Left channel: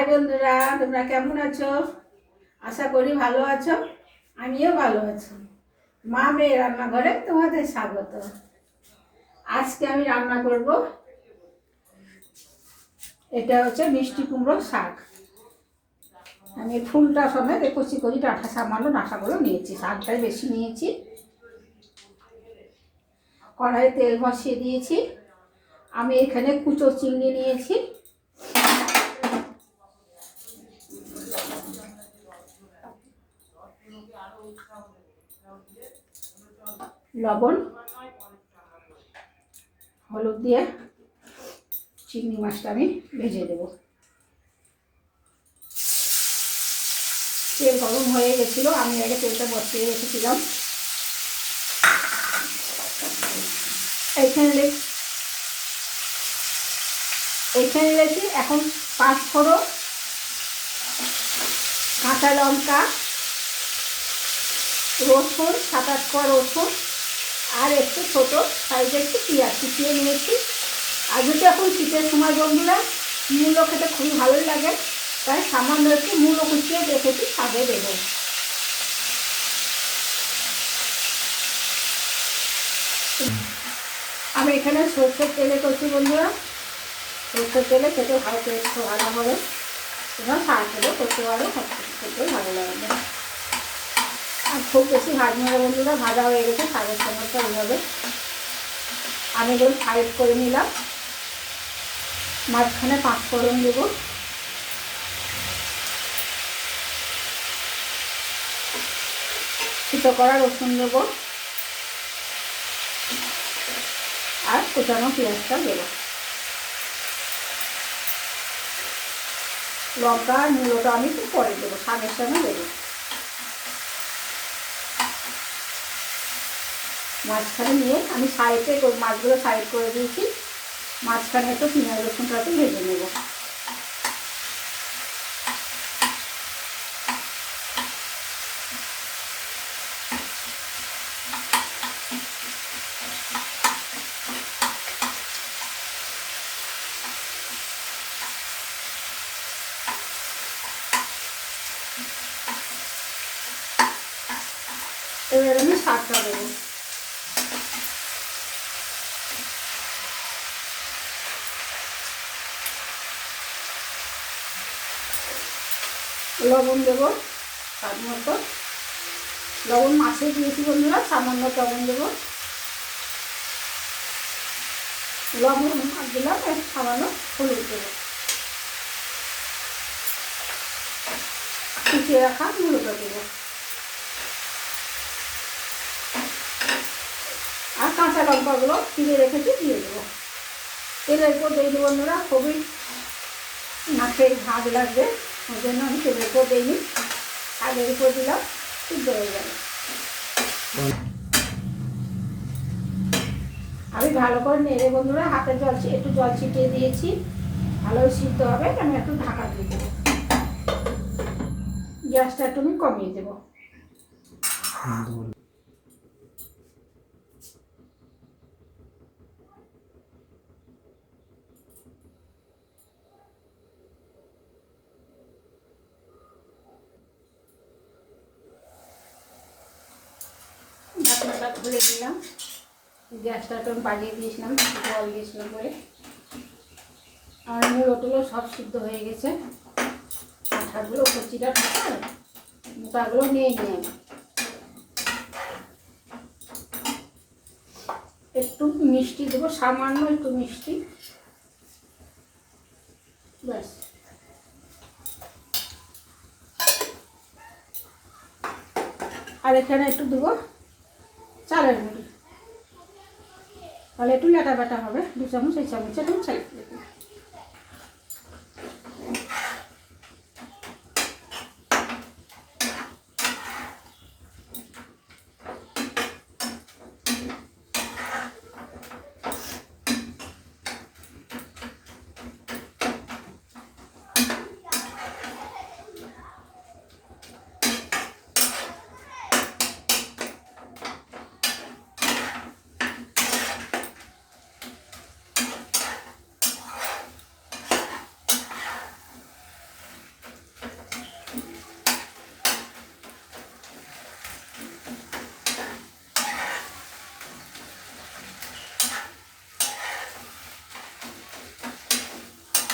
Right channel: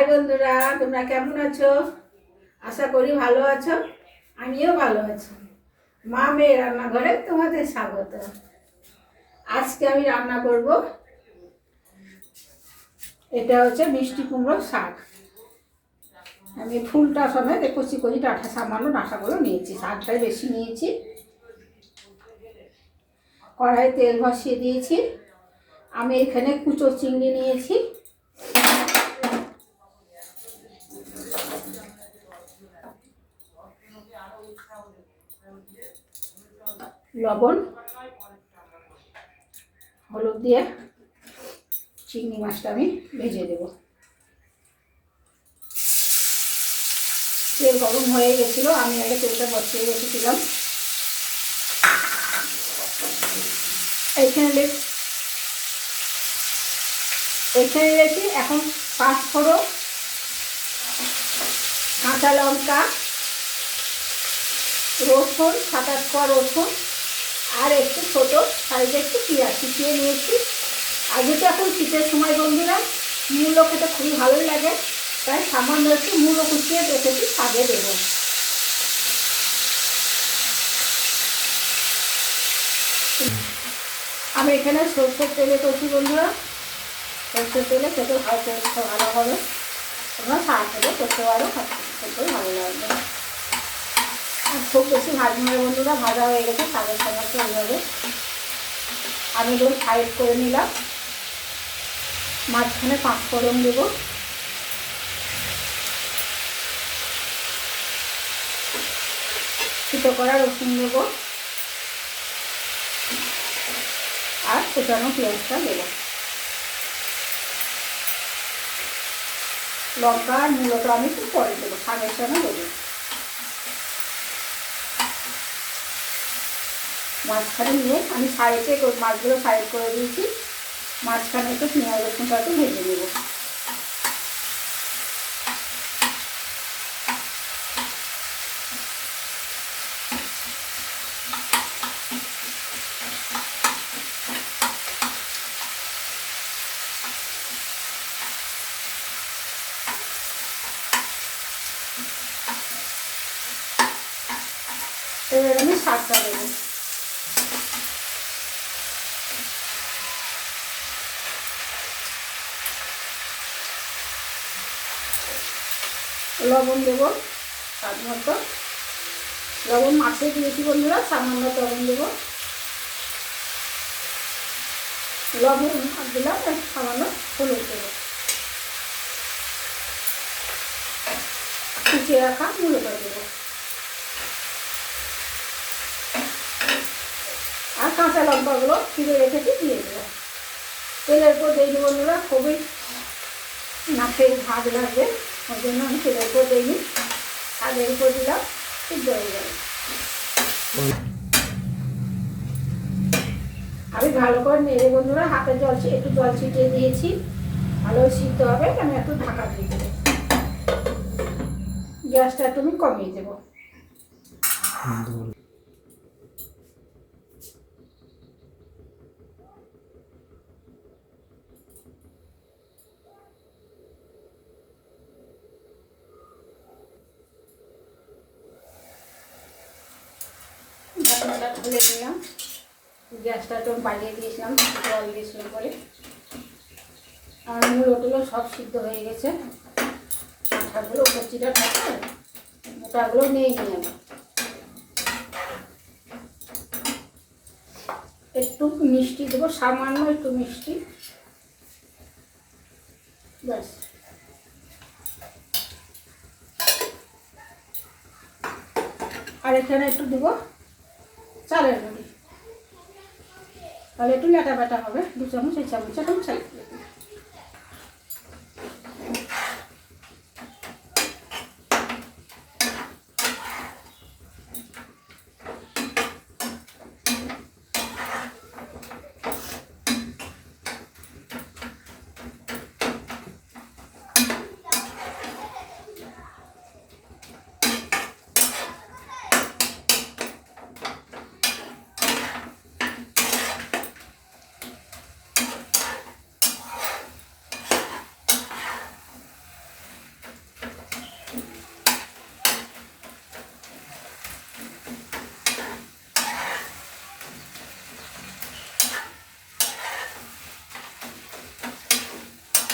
High বন্ধুরা, তোমরা কেমন আছো? আশা করি ভালো আছো। আমিও ভালো আছি। মা মেয়ে রান্নাঘরে তোমাদের স্বাগত। আজকে আমি রান্না করব। এটা হচ্ছে মিষ্টি কুমড়ো শাক। আমি ফুলটা সমেত কচি কচি ডাঁটা সামান্য ডাঁটাগুলো নিয়েছি। শাকটাই বেশি নিয়েছি। কড়াইয়ে তেল বসিয়ে দিয়েছি। আমি এখানে কুচো চিংড়ি নিয়েছি। লবণ, হলুদ দিয়ে চিংড়ি মাছটা আমি ভেজে দেব। তেল গরম হয়ে গেছিল, আমি আগে তেলটা বসিয়ে রেখেছিলাম। এইখানে এইখানে রেখে এখন পাঁচ ফোড়ো কাঁচা লঙ্কা রসুন সাত আট পর রসুন আর একটু ছোটো সাইজে একটু পেঁয়াজ কুচিয়ে নিয়েছি। আর যদি এখন শীতের সময় বন্ধুরা, মূলো খেতে খুবই ভালোই লাগে, তাই সামান্য একটু মূলো কুচিয়ে রেখেছি শাকে দেবো। আমি এখানে সরষের তেলে করছি বন্ধুরা। সরষের তেলে খেতে ভালো ভালো হবে তোমরা তেলে করতে পারো সব ভালো লাগবে। খুব বেশি ভাজ মেরে বন্ধুরা, ভাজা হয়ে গেছে শাকের সমস্ত এইভাবে। আমি ধরুন সাইড করে নিলাম। মাঝখানে পাঁচ ফোড়ন দেবো। ছিটো করা রসুন দেবো। আর কুচানো পেঁয়াজটা দেবো। লঙ্কা আর মূলটা আমি একটু পরে দেবো শাকের সঙ্গে দেবো। মাঝখানে নিয়ে আমি সাইডে মাছগুলো সাইড করে দিয়েছি। মাঝখানে একটু পেঁয়াজ রসুনটা একটু ভেজে নেব। এবার আমি শাকটা দেবো। লবণ দেবো, স্বাদ মতো। লবণ মাছে দিয়েছি বন্ধুরা, সামান্য লবণ দেবো। লবণ দিলাম সামান্য হলুদ দেবো। কুচিয়ে রাখা মূলটা দেবো। আর কাঁচা লঙ্কাগুলো চিড়ে রেখেছি, দিয়ে দেবো। তেলের উপর দিয়ে বন্ধুরা, খুবই নাকের ভাগ লাগবে। ওই জন্য আমি তেলের উপর দিইনি আগের উপর দিলাম, সিদ্ধ হয়ে গেল। আমি ভালো করে নেড়ে বন্ধুরা, হাতে জল একটু জল ছিটিয়ে দিয়েছি। ভালো সিদ্ধ হবে আমি একটু ঢাকা দিয়ে দেবো। গ্যাসটা একটু আমি কমিয়ে দেবো। খুলে দিলাম গ্যাসটা একটু বাড়িয়ে দিয়েছিলাম জল দিয়েছিলাম বলে আমার মূল সব সিদ্ধ হয়ে গেছে। আঠাগুলো কচিটা থাকে মোটাগুলো নিয়ে নিয়ে একটু মিষ্টি দেবো, সামান্য একটু মিষ্টি। ব্যাস। আর এখানে একটু দেবো চালের গুঁড়ি তাহলে একটু লেটা বেটা হবে দু চামচ এই চামচে তুমি চালের গুঁড়ি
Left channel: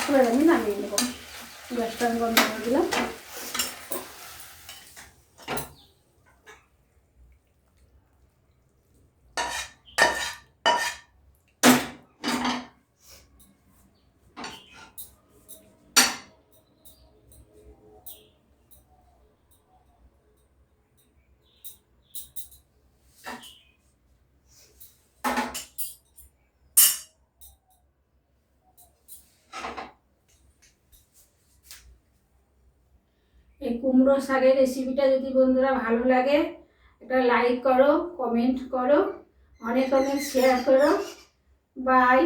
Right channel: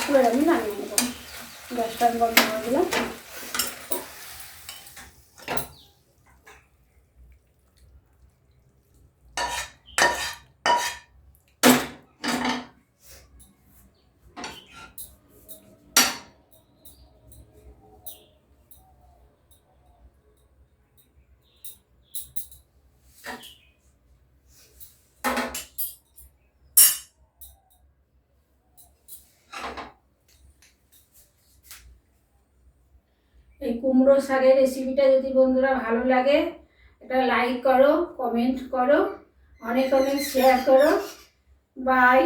এবার আমি নামিয়ে নেব। গ্যাসটা আমি বন্ধ করে দিলাম। এই কুমড়ো শাকের রেসিপিটা যদি বন্ধুরা ভালো লাগে এটা লাইক করো কমেন্ট করো, অনেক অনেক শেয়ার করো। বাই